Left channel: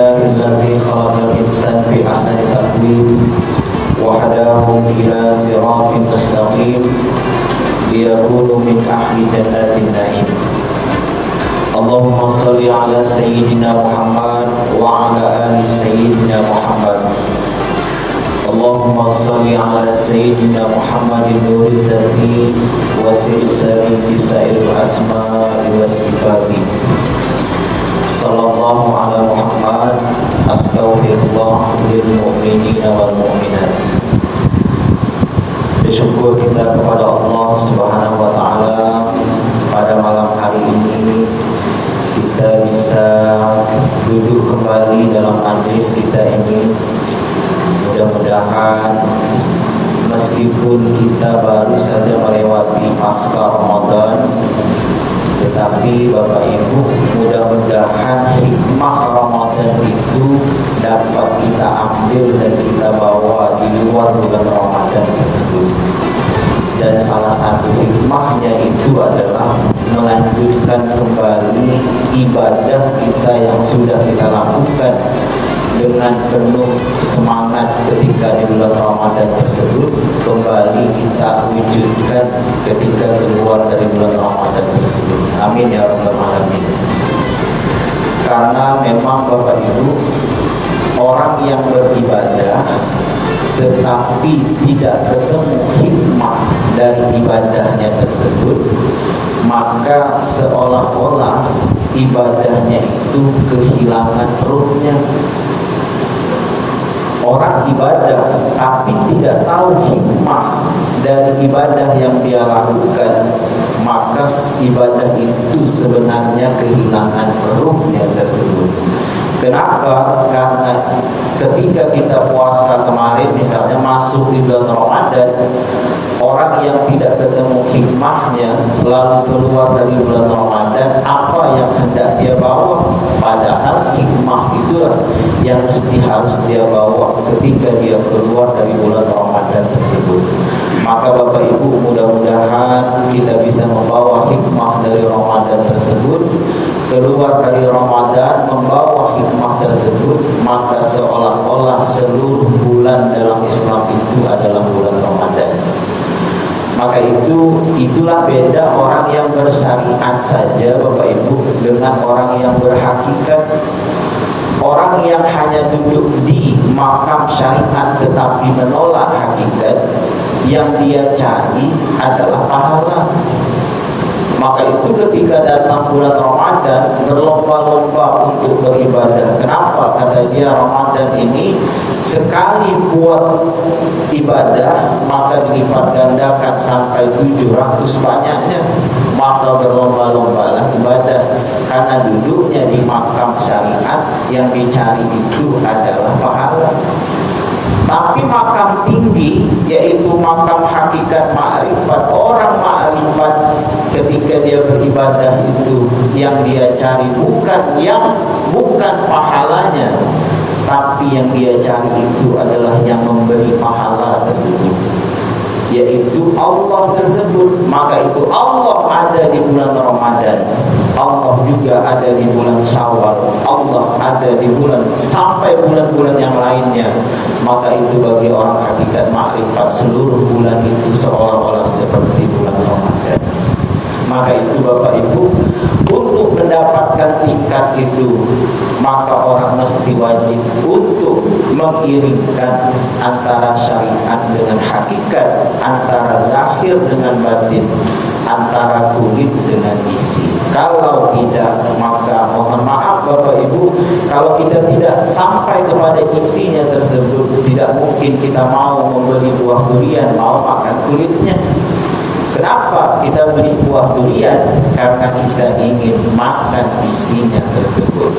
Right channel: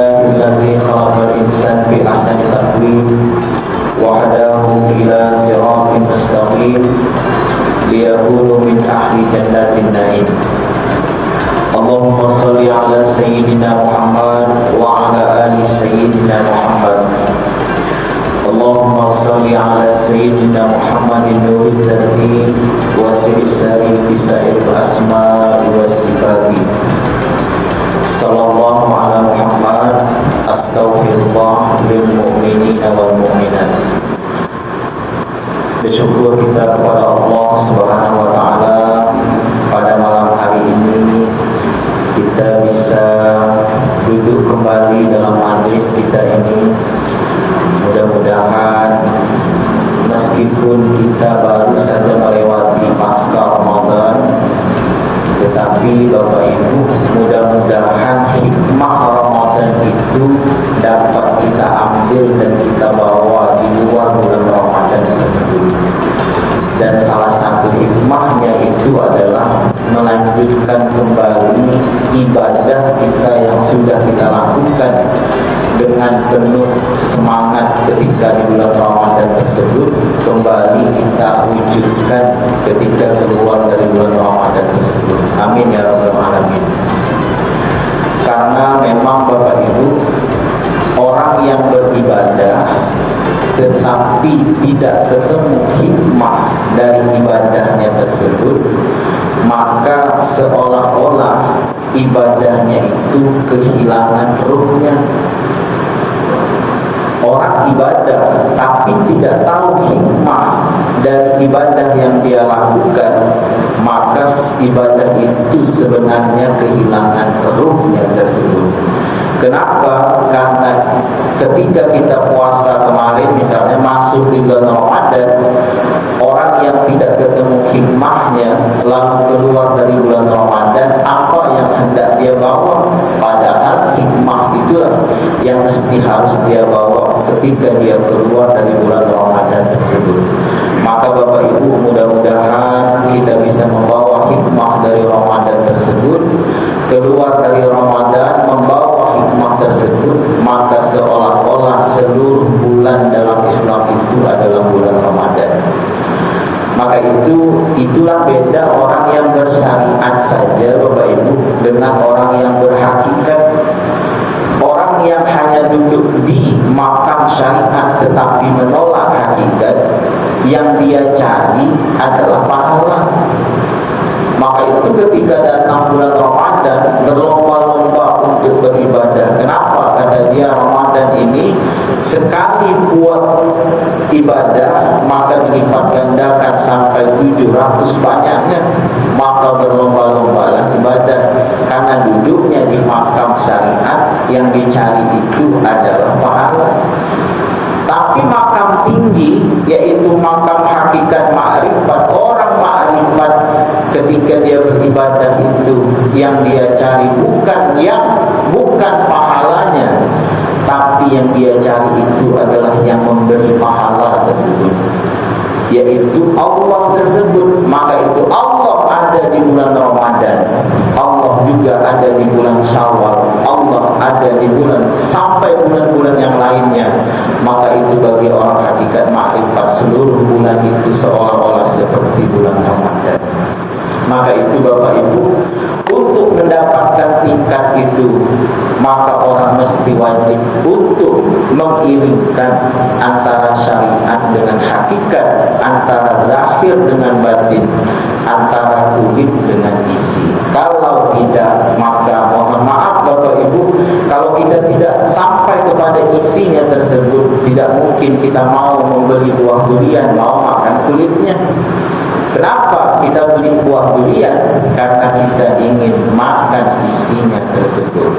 Alhamdulillahillazi khalaqal insana fi ahsani taqwim wa hadahu ila siratin mustaqim liyakunu min ahli jannatin na'im. Allahumma salli ala sayyidina Muhammad wa ala ali sayyidina Muhammad. Allahumma salli ala sayyidina Muhammadin nuril zati wa sirri bisair asma'i was sifati. Sallallahu ala Muhammad, astaghfirullah lil mu'minina wal mu'minat. Bersyukur kita kepada Allah Subhanahu wa taala pada malam hari ini kita bisa duduk kembali dalam majlis kita ini. Mudah-mudahan meskipun kita baru saja melewati pasca Ramadan, tetapi Bapak Ibu, mudah-mudahan hikmah Ramadan itu dapat kita ambil dan kita bawa di luar bulan Ramadan tersebut. Dan salah satu hikmahnya itu adalah melanjutkan kembali ibadah kita yang sudah kita lakukan dengan penuh semangat ketika di bulan Ramadan tersebut, kembali kita wujudkan ketika keluar dari bulan Ramadan tersebut. Amin ya rabbal alamin. Karena memang Bapak Ibu, orang yang beribadah tetapi tidak ketemu hikmah dari ibadahnya tersebut, maka seolah-olah ibadahnya itu kehilangan ruhnya. Orang ibadah tapi tidak tahu hikmah dari ibadah yang dia lakukan, maka ibadah itu sebenarnya kehilangan ruhnya tersebut. Kenapa? Karena ketika kita puasa kemarin misalnya masuk di bulan Ramadan, orang yang tidak ketemu hikmahnya lalu keluar dari bulan Ramadan, apa yang hendak dia bawa? Padahal hikmah itulah yang mesti harus dia bawa ketika dia keluar dari bulan Ramadan tersebut. Maka Bapak Ibu, mudah-mudahan kita bisa membawa hikmah dari Ramadan tersebut, keluar dari Ramadan membawa hikmah tersebut, maka seolah-olah seluruh bulan dalam Islam itu adalah bulan Ramadan. Maka itulah beda orang yang bersyariat saja Bapak Ibu dengan orang yang berhakikat. Orang yang hanya duduk di makam syariat tetapi menolak hakikat, yang dia cari adalah pahala. Maka itu ketika datang bulan Ramadan, berlomba-lomba untuk beribadah. Kenapa? Kata dia, Ramadan ini sekali buat ibadah maka dilipat gandakan sampai 700 banyaknya. Maka berlomba-lombalah ibadah, karena duduknya di makam syariat yang dicari itu adalah pahala. Tapi makam tinggi, yaitu makam hakikat ma'rifat, orang ma'rifat ketika dia beribadah itu yang dia cari bukan pahalanya, tapi yang dia cari itu adalah yang memberi pahala tersebut, yaitu Allah tersebut. Maka itu Allah ada di bulan Ramadan, Allah juga ada di bulan Syawal, Allah ada di bulan sampai bulan-bulan yang lainnya. Maka itu bagi orang hakikat makrifat, seluruh bulan itu seolah-olah seperti bulan Ramadan. Maka itu Bapak Ibu, untuk mendapatkan tingkat itu, maka orang mesti wajib untuk mengiringkan antara syariat dengan hakikat, antara zahir dengan batin, antara kulit dengan isi. Kalau tidak, maka mohon maaf Bapak Ibu, kalau kita tidak sampai kepada isinya tersebut, tidak mungkin kita mau membeli buah durian, mau makan kulitnya. Kenapa kita beli buah durian? Karena kita ingin makan isinya tersebut.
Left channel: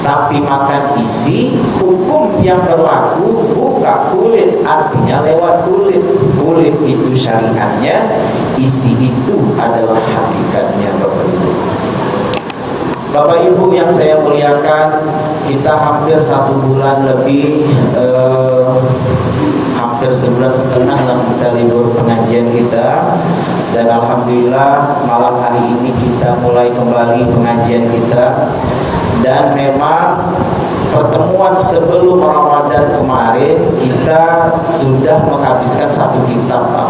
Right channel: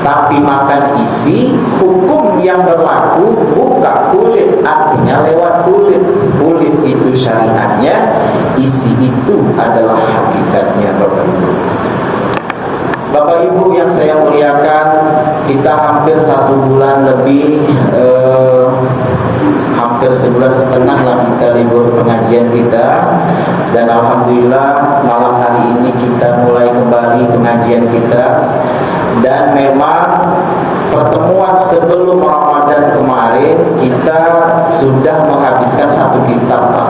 Tapi makan isi, hukum yang berlaku buka kulit, artinya lewat kulit. Kulit itu syariatnya, isi itu adalah hakikatnya Bapak Ibu. Bapak Ibu yang saya muliakan, kita hampir 1 bulan lebih, hampir sebulan setengah lah kita libur pengajian kita. Dan Alhamdulillah malam hari ini kita mulai kembali pengajian kita. Dan memang pertemuan sudah menghabiskan satu kitab, Pak.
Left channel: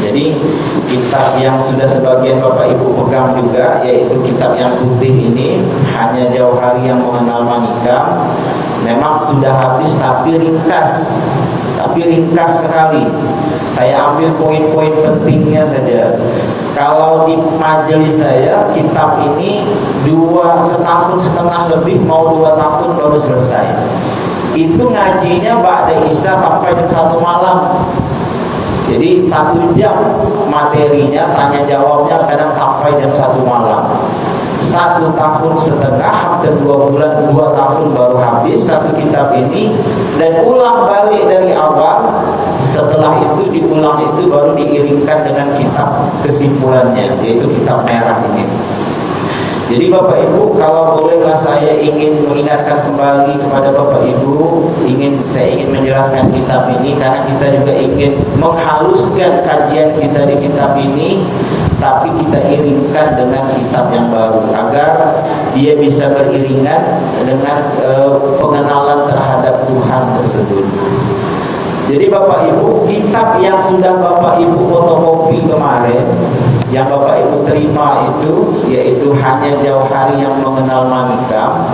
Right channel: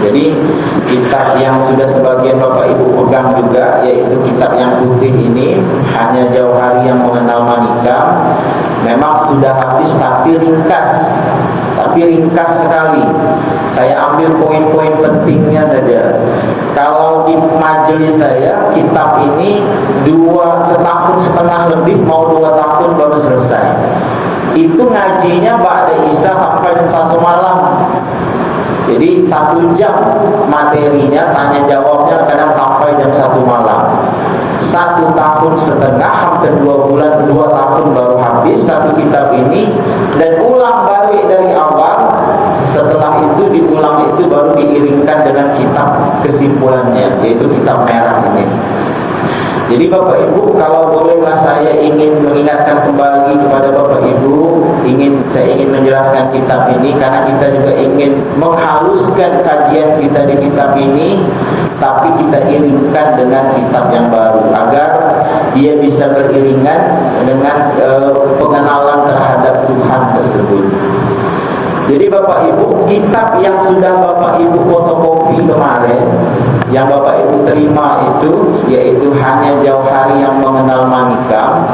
Jadi kitab yang sudah sebagian Bapak Ibu pegang juga, yaitu kitab yang putih ini, Hanya Jauhari yang Mengenal Manikam, memang sudah habis tapi ringkas sekali. Saya ambil poin-poin pentingnya saja. Kalau di majelis saya, kitab ini 2,5 tahun lebih, mau 2 tahun baru selesai. Itu ngajinya ba'da Isya sampai jam 1 malam. Jadi 1 jam materinya, tanya jawabnya kadang sampai jam 1 malam. 1,5 tahun, hampir 2 bulan, 2 tahun baru habis satu kitab ini. Dan ulang balik dari awal. Setelah itu diulang, itu baru diiringkan dengan kitab kesimpulannya, yaitu kitab merah ini. Jadi Bapak Ibu, kalau bolehlah saya ingin mengingatkan kembali kepada Bapak Ibu, saya ingin menjelaskan kitab ini, karena kita juga ingin menghaluskan kajian kita di kitab ini, tapi kita iringkan dengan kitab yang baru, agar dia bisa beriringan dengan pengenalan terhadap Tuhan tersebut. Jadi Bapak Ibu, kitab yang sudah Bapak Ibu fotokopi kemarin, yang Bapak Ibu terima itu, yaitu Hanya Jauhari yang Mengenal Manikam.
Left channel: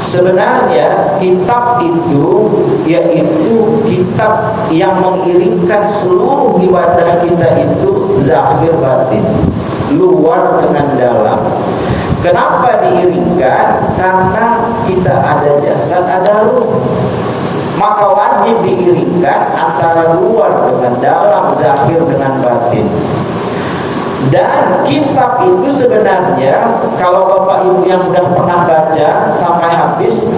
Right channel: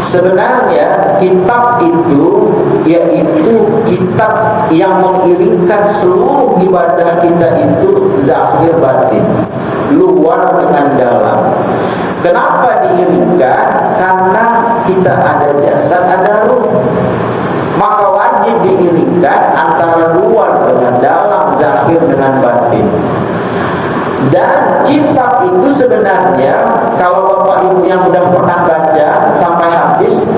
Sebenarnya kitab itu yaitu kitab yang mengiringkan seluruh ibadah kita itu zahir batin, luar dengan dalam. Kenapa diiringkan? Karena kita ada jasad, ada ruh. Maka wajib diiringkan antara luar dengan dalam, zahir dengan batin. Dan kitab itu sebenarnya, kalau Bapak Ibu yang sudah pernah baca sampai habis,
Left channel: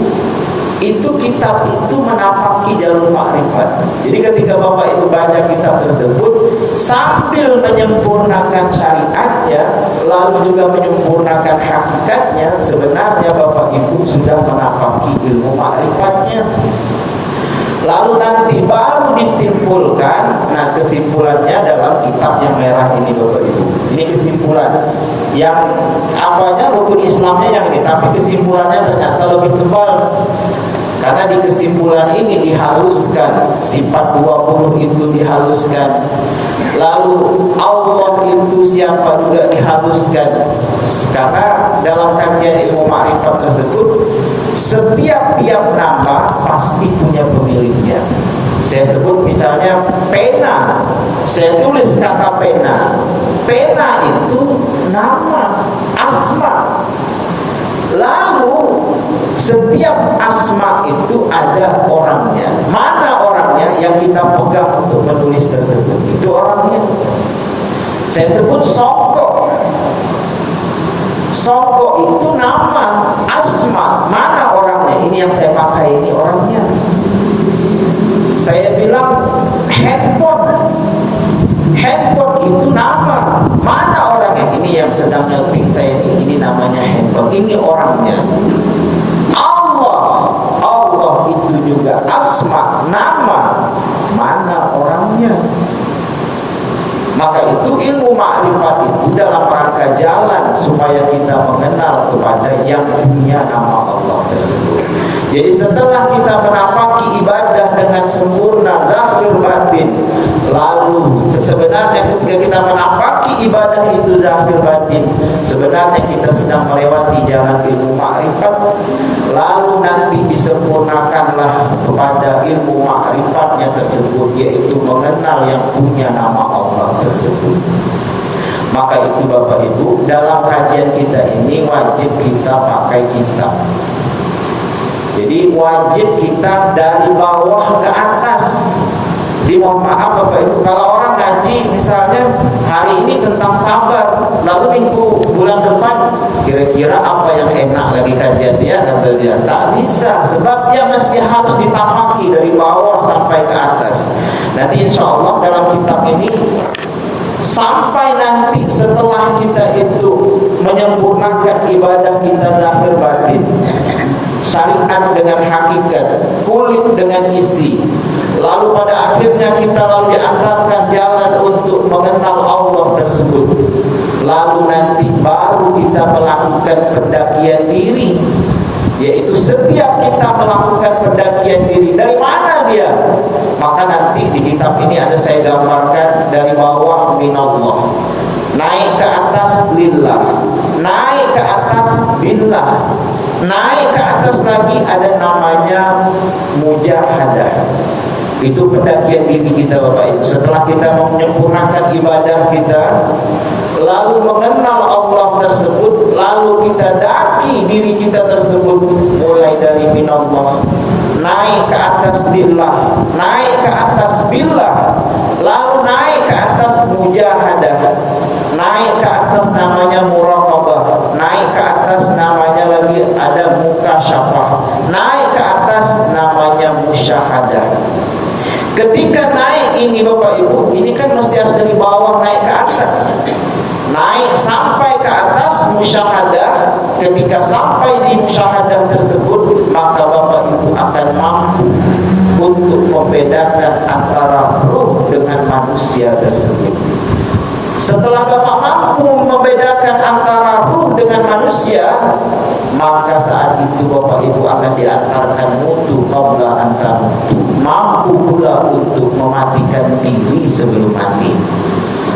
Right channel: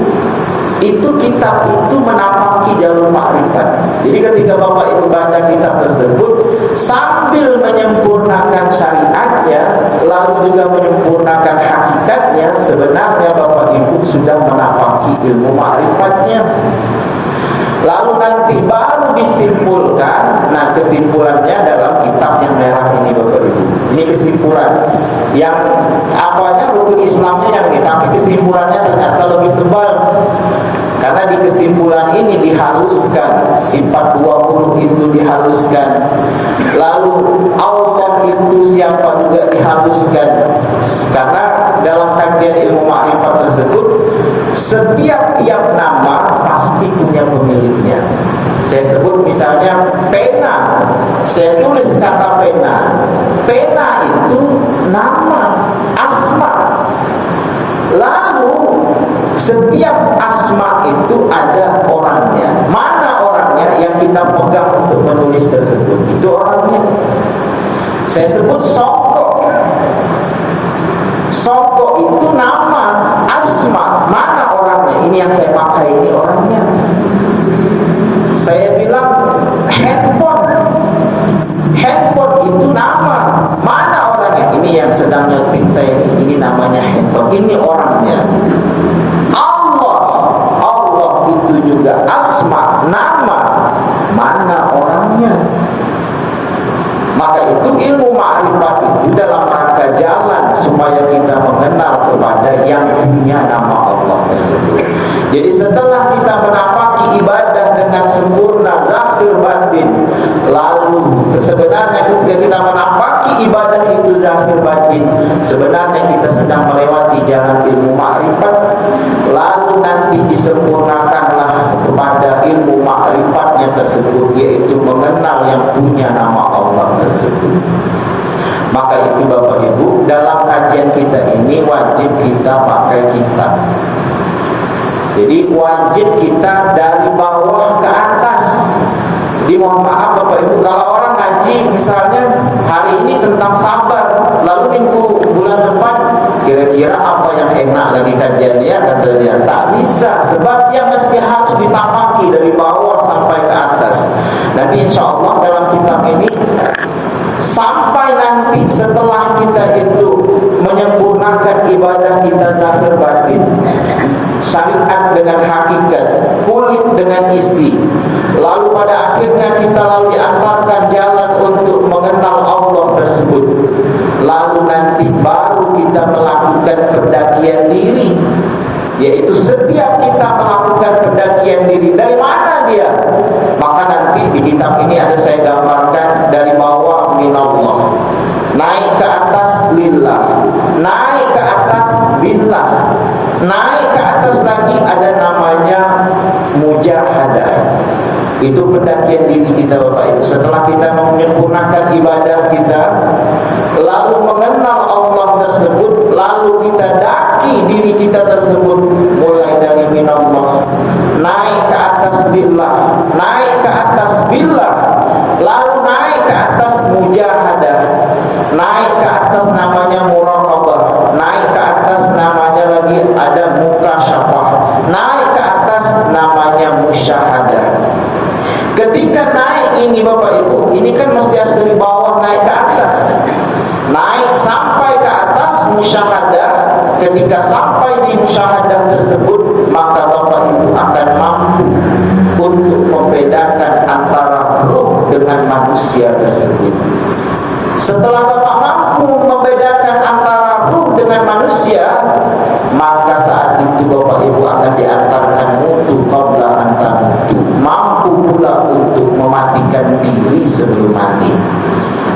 itu kitab itu menapaki jalur makrifat. Jadi ketika Bapak Ibu baca kitab tersebut, sambil menyempurnakan syariatnya, lalu juga menyempurnakan hakikatnya, sebenarnya Bapak Ibu sudah menapaki ilmu makrifatnya. Lalu nanti baru disimpulkan. Nah, kesimpulannya dalam kitab yang merah ini Bapak Ibu. Ini kesimpulan yang apanya, rukun Islamnya yang ini, tapi kesimpulannya ternyata lebih tebal. Karena di kesimpulan ini dihaluskan, sifat 20 itu dihaluskan. Lalu Allah itu siapa juga dihaluskan. Karena dalam kajian ilmu makrifat tersebut, setiap nama pasti punya pemiliknya. Saya sebut misalnya pena, saya tulis kata pena. Pena itu nama, asma. Lalu setiap asma itu ada orangnya. Mana orangnya yang kita pegang untuk menulis tersebut? Itu orangnya. Saya sebut soko. Soko itu nama, asma. Mana orangnya? Ini yang saya pakai, ini orangnya. Saya bilang handphone. Handphone itu nama. Mana orangnya? Ini yang sedang nyeting saya ini namanya handphone. Ini orangnya. Allah itu juga asma, nama. Mana orangnya? Maka itu ilmu ma'rifat itu dalam rangka jalan supaya kita mengenal kepada yang punya nama Allah tersebut. Jadi setelah kita menapaki ibadah dengan sempurna zahir batin, lalu sebenarnya ketika kita menapaki ibadah itu zahir batin, sebenarnya kita sedang melewati jalan ilmu ma'rifat. Lalu nanti disempurnakanlah kepada ilmu ma'rifatnya tersebut, yaitu mengenal yang punya nama Allah tersebut. Maka itu Bapak Ibu, dalam kajian kita ini wajib kita pakai kitab. Jadi wajib kita dari bawah ke atas. Jadi mohon maaf Bapak Ibu, kalau orang ngaji misalnya hari ini tentang sabar, lalu minggu bulan depan kira-kira apa yang enak lagi kajian dia, kata dia, tak bisa, sebab dia mesti harus ditapaki dari bawah sampai ke atas. Nanti insya Allah dalam kitab ini, sampai nanti setelah kita itu menyempurnakan ibadah kita zahir batin, syariat dengan hakikat, kulit dengan isi, lalu pada akhirnya kita lalu diantarkan jalan untuk mengenal Allah tersebut. Lalu nanti baru kita melakukan pendakian diri, yaitu setiap kita melakukan pendakian diri. Dari mana dia? Maka nanti di kitab ini ada saya gambarkan dari bawah minallah, naik ke atas lillah, naik ke atas billah, naik ke atas lagi ada namanya mujahadah. Itu pendakian diri kita Bapak Ibu. Setelah kita menyempurnakan ibadah kita, lalu mengenal Allah tersebut, lalu kita daki diri kita tersebut, mulai dari minallah, naik ke atas lillah, naik ke atas billah, lalu naik ke atas mujahadah, naik ke atas namanya muraqabah, naik ke atas namanya lagi ada mukasyafah, naik ke atas namanya musyahadah. Ketika naik ini Bapak Ibu, ini kan mesti harus dari bawah naik ke atas. Naik sampai ke atas musyahadah. Ketika sampai di musyahadah tersebut, maka Bapak Ibu akan mampu untuk membedakan antara ruh dengan manusia tersebut. Setelah Bapak mampu membedakan antara ruh dengan manusia, maka saat itu Bapak Ibu akan diantarkan mutu qabla anta mutu, mampu pula untuk mematikan diri sebelum mati.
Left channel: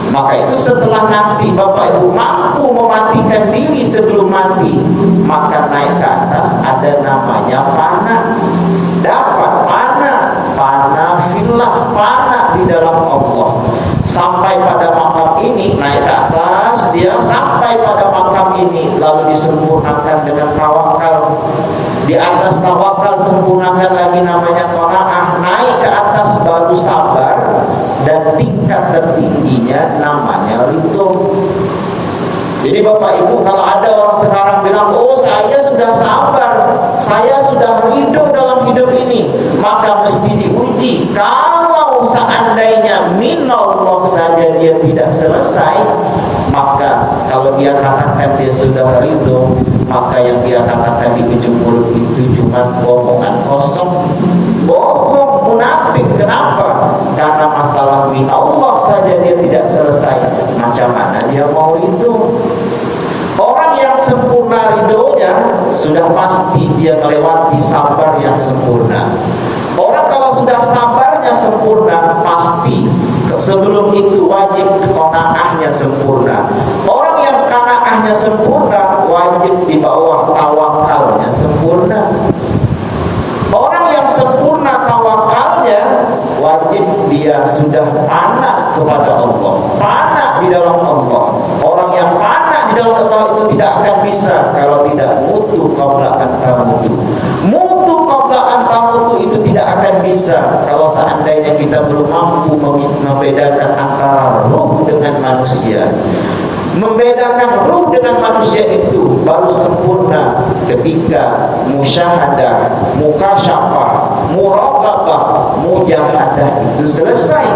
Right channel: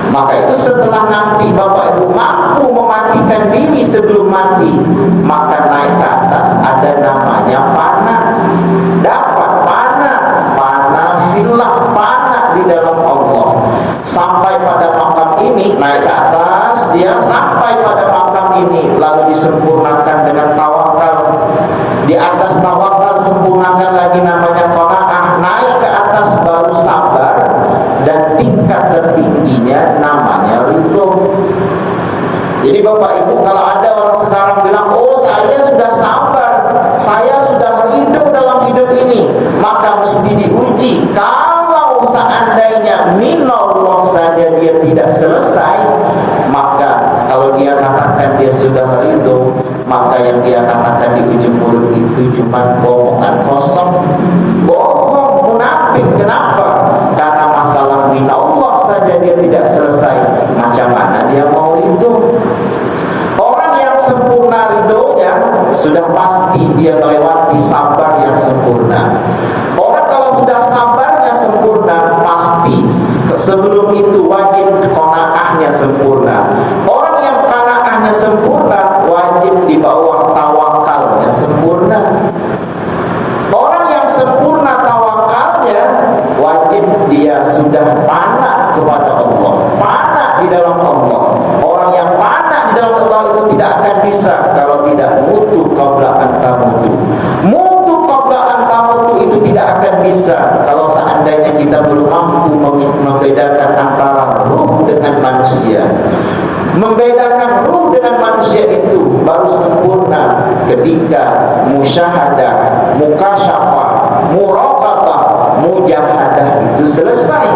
Maka itu setelah nanti Bapak Ibu mampu mematikan diri sebelum mati, maka naik ke atas ada namanya panah. Dapat panah fillah, panah di dalam Allah. Sampai pada makam ini, naik ke atas dia sampai pada makam ini, lalu disempurnakan dengan tawakal. Di atas tawakal sempurnakan lagi namanya qanaah, naik ke atas baru sabar, dan tingkat tertingginya namanya ridho. Jadi Bapak Ibu, kalau ada orang sekarang bilang, oh saya sudah sabar, saya sudah ridho dalam hidup ini, maka mesti diuji. Kalau seandainya minallah saja dia tidak selesai, maka kalau dia katakan dia sudah ridho, maka yang dia katakan di ujung mulut itu cuma bohongan kosong, bohong, munafik. Kenapa? Karena masalah minallah saja dia tidak selesai, macam mana dia mau ridho? Orang yang sempurna ridhonya sudah pasti dia melewati sabar yang sempurna. Orang kalau sudah sabarnya sempurna, pasti sebelum itu wajib qanaahnya sempurna. Orang yang qanaahnya sempurna, wajib di bawah tawakalnya sempurna. Orang yang sempurna tawakalnya, wajib dia sudah panah kepada Allah, panah di dalam Allah. Orang yang panah di dalam Allah itu tidak akan bisa kalau tidak mutu qabla anta mutu. Mutu qabla anta mutu itu tidak akan bisa kalau seandainya kita belum mampu membedakan antara ruh dengan manusia. Membedakan ruh dengan manusia itu baru sempurna ketika musyahadah, mukasyafah, muraqabah, mujahadah itu selesai.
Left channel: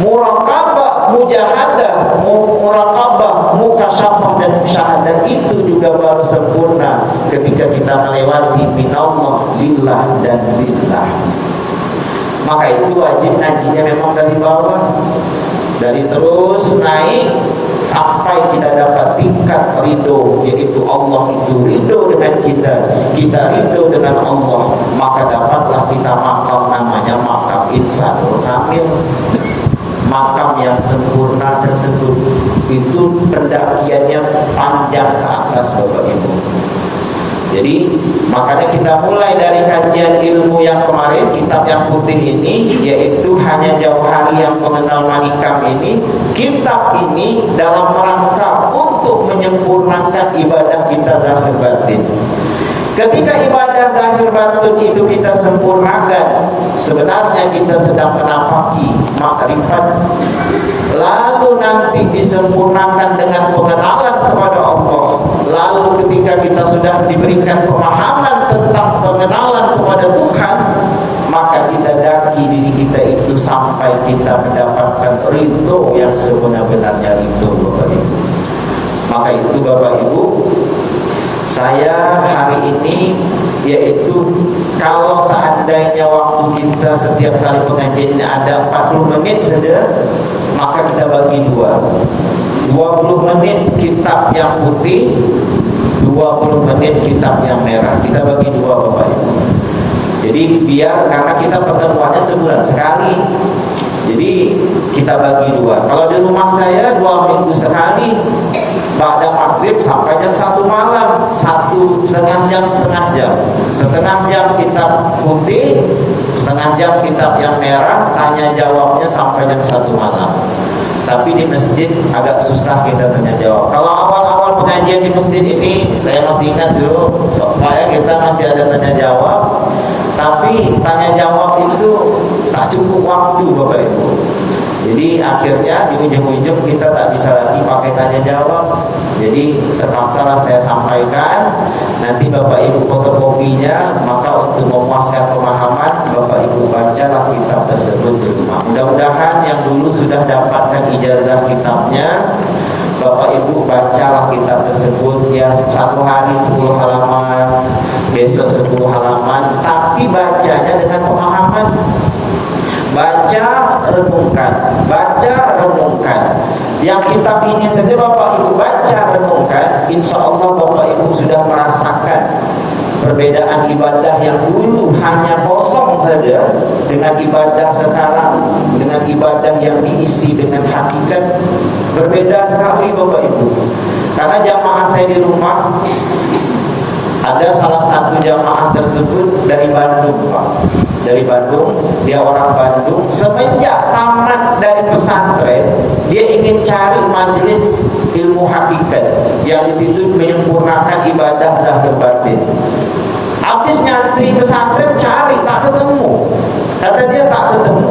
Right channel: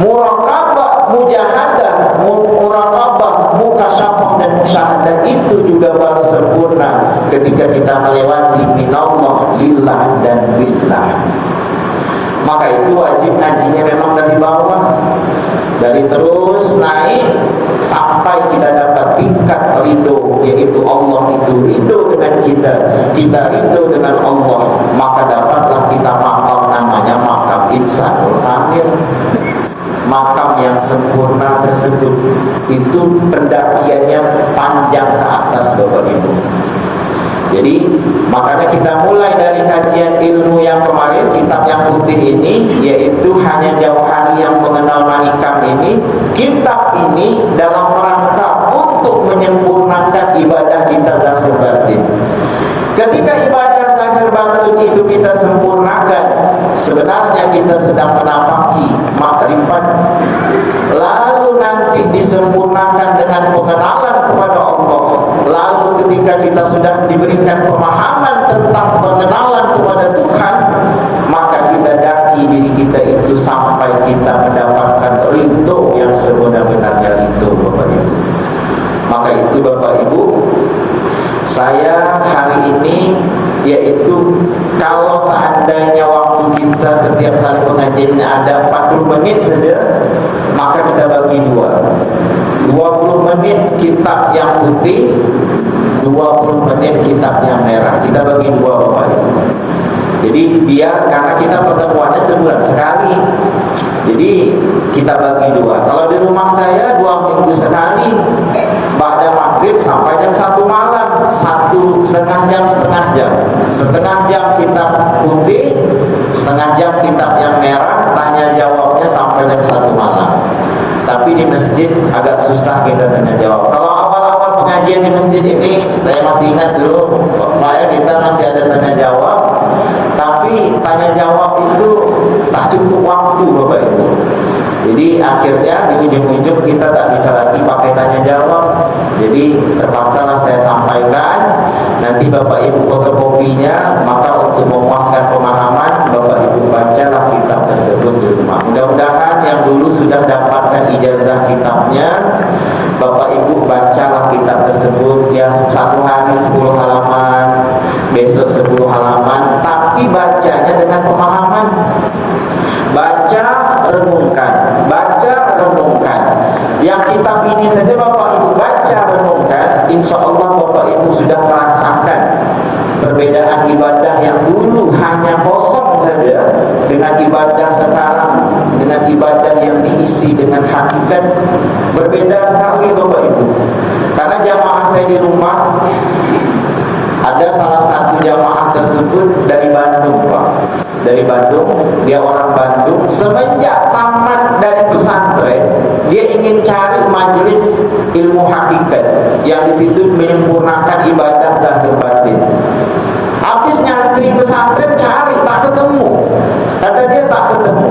Muraqabah, mujahadah, muraqabah, mukasyafah dan musyahadah itu juga baru sempurna ketika kita melewati minallah, lillah dan billah. Maka itu wajib ngajinya memang dari bawah, dari terus naik sampai kita dapat tingkat ridho, yaitu Allah itu ridho dengan kita, kita ridho dengan Allah, maka dapatlah kita makam namanya makam insanul kamil. Makam yang sempurna tersebut itu pendakiannya panjang ke atas Bapak Ibu. Jadi makanya kita mulai dari kajian ilmu yang kemarin, kitab yang putih ini, yaitu hanya jauh hari yang mengenal manikam ini. Kitab ini dalam rangka untuk menyempurnakan ibadah kita zahir batin. Ketika ibadah zahir batin itu kita sempurnakan, sebenarnya kita sedang menapaki makrifat. Lalu nanti disempurnakan dengan pengenalan kepada Allah. Lalu ketika kita sudah diberikan pemahaman tentang pengenalan kepada Tuhan, maka kita daki diri kita itu sampai kita mendapatkan ridho yang sebenar-benarnya ridho Bapak Ibu. Maka itu Bapak Ibu, saya hari ini, yaitu kalau seandainya waktu kita setiap kali pengajiannya ada 40 menit saja, maka kita bagi dua. 20 menit kitab yang putih, 20 menit kitab yang merah. Kita bagi dua Bapak Ibu. Jadi biar, karena kita pertemuannya sebulan sekali, jadi kita bagi dua. Kalau di rumah saya 2 minggu sekali, ba'da maghrib sampai jam 1 malam, 1,5 jam, setengah jam kitab putih, setengah jam kitab yang merah, tanya jawabnya sampai jam 1 malam. Tapi di masjid agak susah kita tanya jawab. Kalau awal-awal pengajian di masjid ini, saya masih ingat dulu, Pak ya, kita masih ada tanya jawab. Tapi tanya jawab itu tak cukup waktu Bapak Ibu. Jadi akhirnya di ujung-ujung kita tak bisa lagi pakai tanya jawab. Jadi terpaksa lah saya sampaikan. Nanti Bapak Ibu fotokopinya. Maka untuk memuaskan pemahaman, Bapak Ibu bacalah kitab tersebut di rumah. Mudah-mudahan yang dulu sudah dapatkan ijazah kitabnya, Bapak Ibu bacalah kitab tersebut ya, 1 hari 10 halaman, besok 10 halaman, tapi bacanya dengan pemahaman. Baca, renungkan, baca, renungkan. Yang kitab ini saja Bapak Ibu baca, renungkan, insya Allah Bapak Ibu sudah merasakan perbedaan ibadah yang dulu hanya kosong saja dengan ibadah sekarang, dengan ibadah yang diisi dengan hakikat. Berbeda sekali Bapak Ibu. Karena jamaah saya di rumah, ada salah satu jamaah tersebut dari Bandung Pak. Dari Bandung, dia orang Bandung. Semenjak tamat dari pesantren, dia ingin cari majelis ilmu hakikat yang di situ menyempurnakan ibadah zahir batin. Habis nyantri pesantren cari, tak ketemu. Kata dia tak ketemu.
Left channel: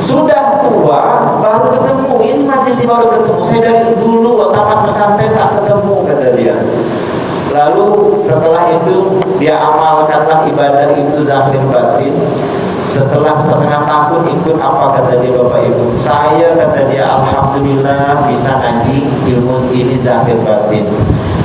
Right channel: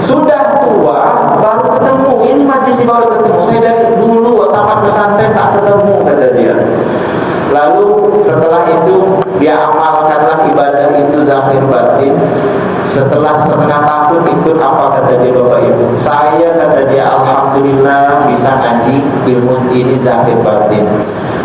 Sudah tua baru ketemu. Ini majelis baru ketemu. Saya dari dulu tamat pesantren tak ketemu, kata dia. Lalu setelah itu dia amalkanlah ibadah itu zahir batin. Setelah setengah tahun ikut, apa kata dia Bapak Ibu? Saya, kata dia, alhamdulillah bisa ngaji ilmu ini zahir batin.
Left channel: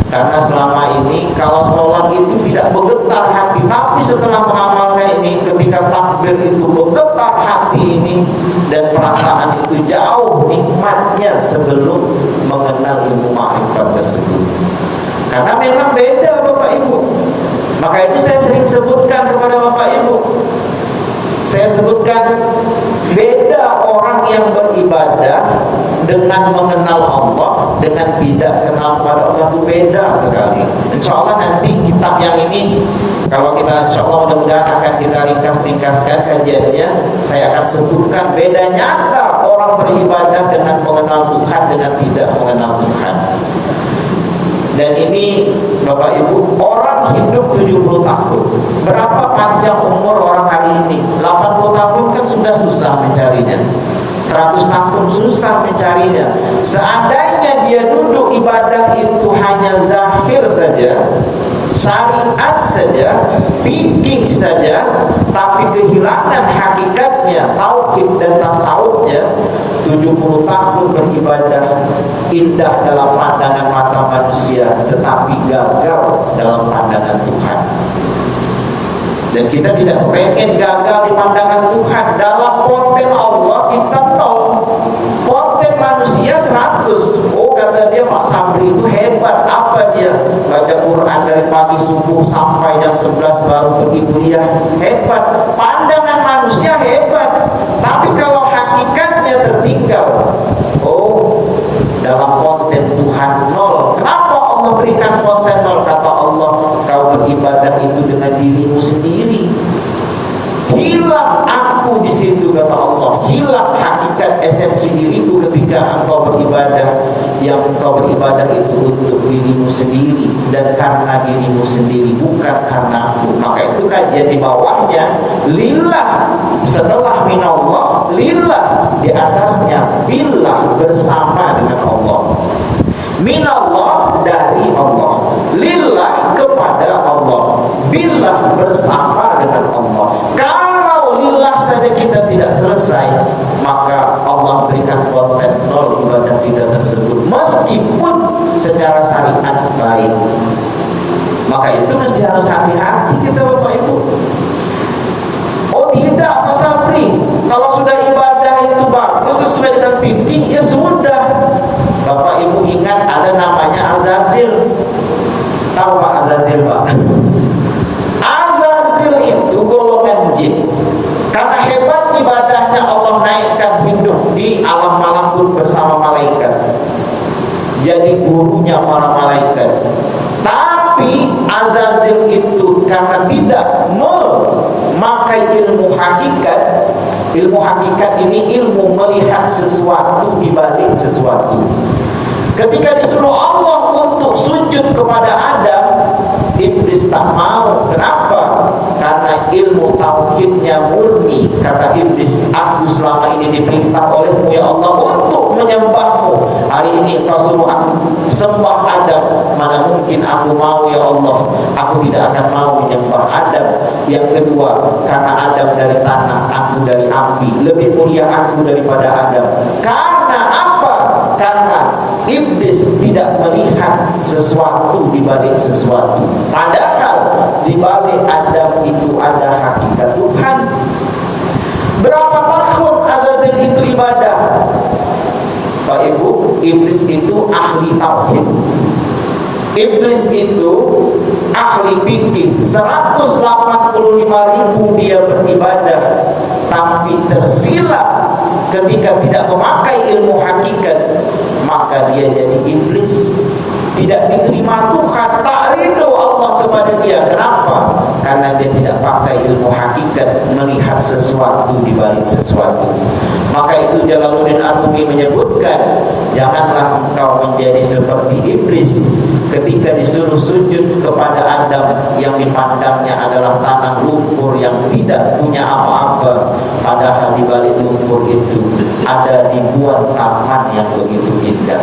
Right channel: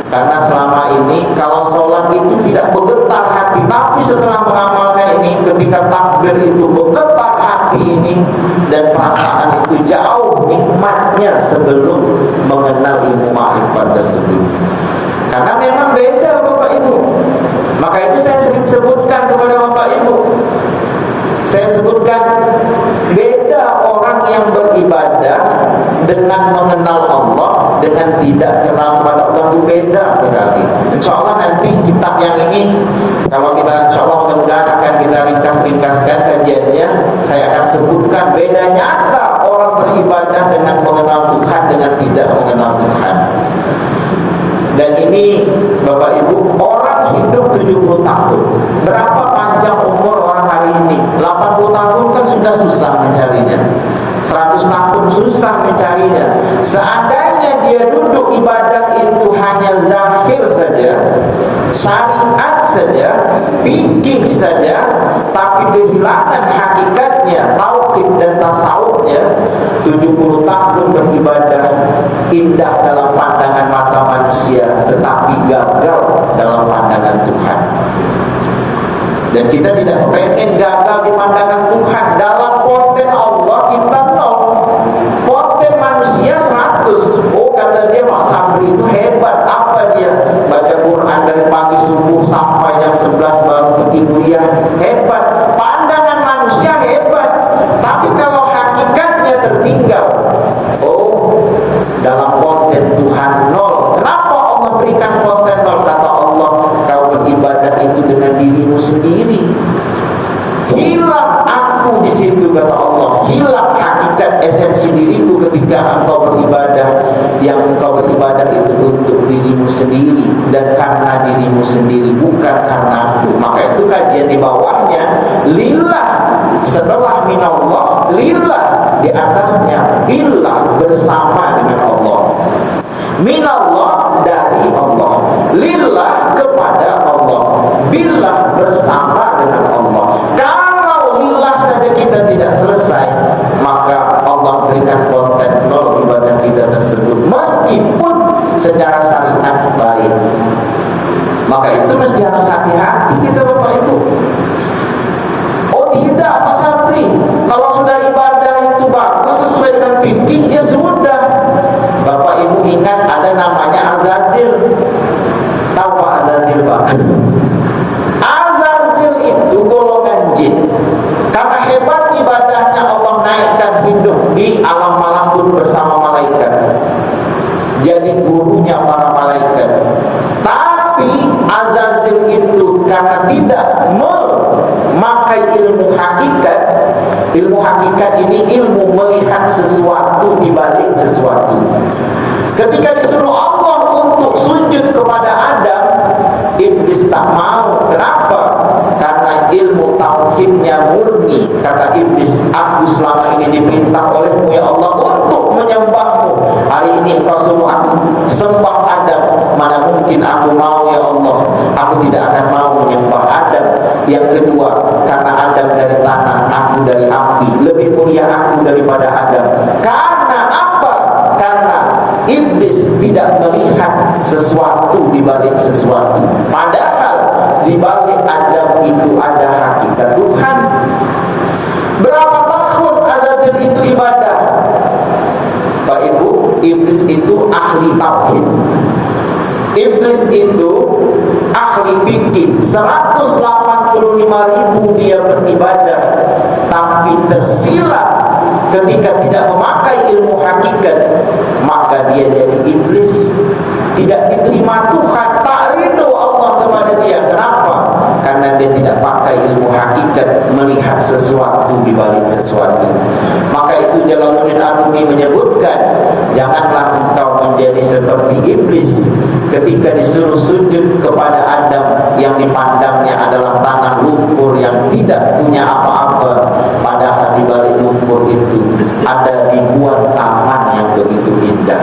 Karena selama ini kalau sholat itu tidak bergetar hati, tapi setelah mengamalkan ini, ketika takbir itu bergetar hati ini, dan perasaan itu jauh nikmatnya sebelum mengenal ilmu ma'rifat tersebut. Karena memang beda Bapak Ibu. Maka itu saya sering sebutkan kepada Bapak Ibu. Saya sebutkan beda orang yang beribadah dengan mengenal Allah dengan tidak kenal kepada Allah, itu beda sekali. Insya Allah nanti kitab yang ini, kalau kita insya Allah mudah-mudahan akan kita ringkas-ringkaskan kajiannya, saya akan sebutkan beda nyata orang beribadah dengan mengenal Tuhan dengan tidak mengenal Tuhan. Dan ini Bapak Ibu, orang hidup 70 tahun. Berapa panjang umur orang hari ini? 80 tahun kan sudah susah mencarinya. 100 tahun susah mencarinya. Seandainya dia duduk ibadah itu hanya zahir saja, syariat saja, fikih saja, tapi kehilangan hakikatnya, tauhid dan tasawufnya, 70 tahun beribadah indah dalam pandangan mata manusia, tetapi gagal dalam pandangan Tuhan. Dan kita tidak pengen gagal di pandangan Tuhan. Dalam konten Allah kita nol, konten manusia 100. Oh, kata dia Pak Sabri itu hebat. Apa dia? Baca Quran dari pagi subuh sampai jam 11 baru pergi kuliah. Hebat. Pandangan manusia hebat. Tapi kalau hakikatnya tertinggal, oh, dalam konten Tuhan nol. Kenapa Allah berikan konten nol? Kata Allah, kau beribadah itu dengan dirimu sendiri. Hilang aku di situ, kata Allah. Hilang hakikat esensi diriku ketika engkau beribadah. Yang engkau beribadah itu untuk dirimu sendiri dan karena dirimu sendiri, bukan karena aku. Maka itu kajian di bawahnya lillah, setelah minallah lillah, di atasnya billah, bersama dengan Allah. Minallah, dari Allah, lillah, kepada Allah, billah, bersama dengan Allah. Kalau lillah saja kita tidak selesai, maka Allah berikan konten nol ibadah kita tersebut, meskipun secara syariat baik. Maka itu mesti harus hati-hati kita Bapak Ibu. Oh tidak Pak Sapri, kalau sudah ibadah itu bagus sesuai dengan fikih, ya sudah. Bapak Ibu ingat ada namanya Azazil. Tahu Pak Azazil Pak? Azazil itu golongan memakai ilmu hakikat. Ilmu hakikat ini ilmu melihat sesuatu di balik sesuatu. Ketika disuruh Allah untuk sujud kepada Adam, iblis tak mau. Kenapa? Karena ilmu tauhidnya murni. Kata iblis, aku selama ini diperintah olehmu ya Allah untuk menyembahmu. Hari ini engkau suruh aku sembah Adam. Mana mungkin aku mau ya Allah. Aku tidak akan mau menyembah Adam. Yang kedua, karena Adam dari tanah, aku dari api. Lebih mulia aku daripada Adam. Karena apa? Karena iblis tidak melihat sesuatu di balik sesuatu. Padahal di balik Adam itu ada hakikat Tuhan. Berapa tahun Azazil itu ibadah? Pak Ibu, iblis itu ahli tauhid. Iblis itu ahli fikih. 185.000 dia beribadah, tapi tersilap ketika tidak memakai ilmu hakikat, maka dia jadi iblis. Tidak diterima Tuhan, tak ridho Allah kepada dia. Kenapa? Karena dia tidak pakai ilmu hakikat, melihat sesuatu di balik sesuatu. Maka itu Jalaluddin Arumi menyebutkan, janganlah engkau menjadi seperti iblis ketika disuruh sujud kepada Adam yang dipandangnya adalah tanah lumpur yang tidak punya apa-apa. Padahal di balik lumpur itu ada ribuan taman yang begitu indah.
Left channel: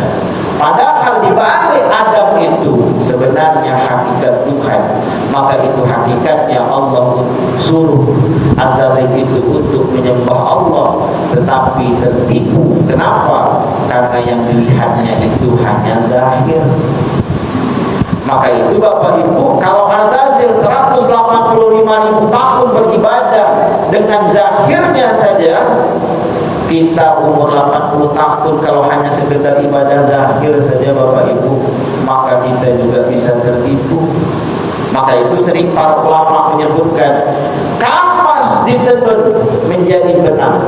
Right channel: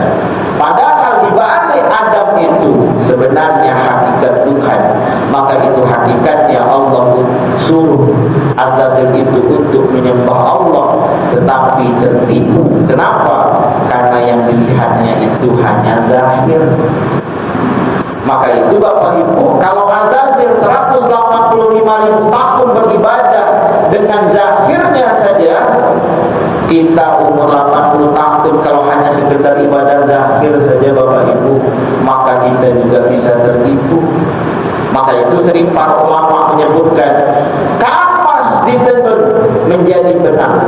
Padahal di balik Adam itu sebenarnya hakikat Tuhan. Maka itu hakikatnya Allah suruh Azazil itu untuk menyembah Allah, tetapi tertipu. Kenapa? Karena yang dilihatnya itu hanya zahir. Maka itu Bapak Ibu, kalau Azazil 185.000 tahun beribadah dengan zahirnya saja, kita umur 80 tahun kalau hanya sekedar ibadah zahir saja Bapak Ibu, maka kita juga bisa tertipu. Maka itu sering para ulama menyebutkan, kapas ditenun menjadi benang,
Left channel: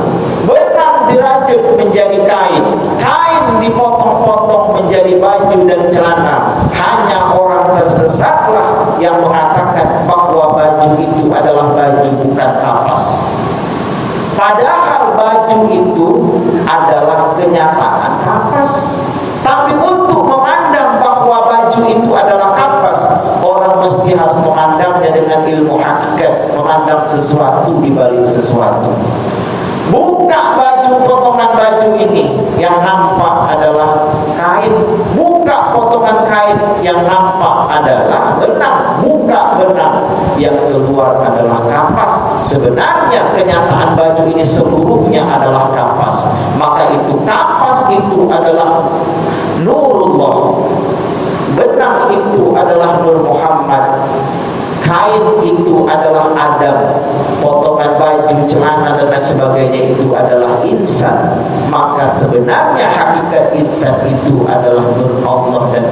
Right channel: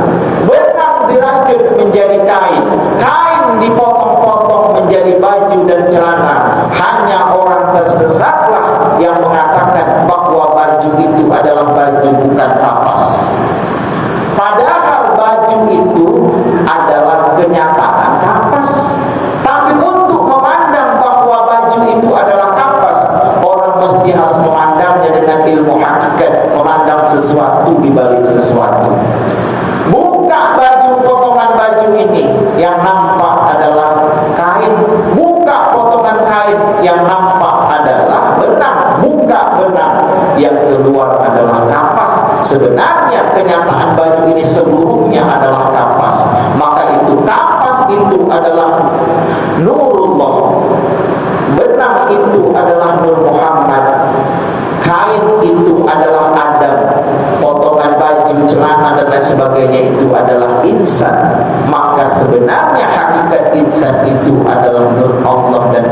benang dirajut menjadi kain, kain dipotong-potong menjadi baju dan celana. Hanya orang tersesatlah yang mengatakan bahwa baju itu adalah baju bukan kapas. Padahal baju itu adalah kenyataan kapas. Tapi untuk memandang bahwa baju itu adalah kapas, orang mesti harus memandangnya dengan ilmu hakikat, memandang sesuatu di balik sesuatu. Buka baju, potongan baju ini, yang nampak adalah kain. Buka potongan kain, yang nampak adalah benang. Buka benang, yang keluar adalah kapas. Sebenarnya kenyataan baju ini seluruhnya adalah kapas. Maka itu kapas itu adalah nurullah, benang itu adalah Nur Muhammad, kain itu adalah Adam, potongan baju, celana dan lain sebagainya itu adalah insan. Maka sebenarnya hakikat insan itu adalah Nur Allah dan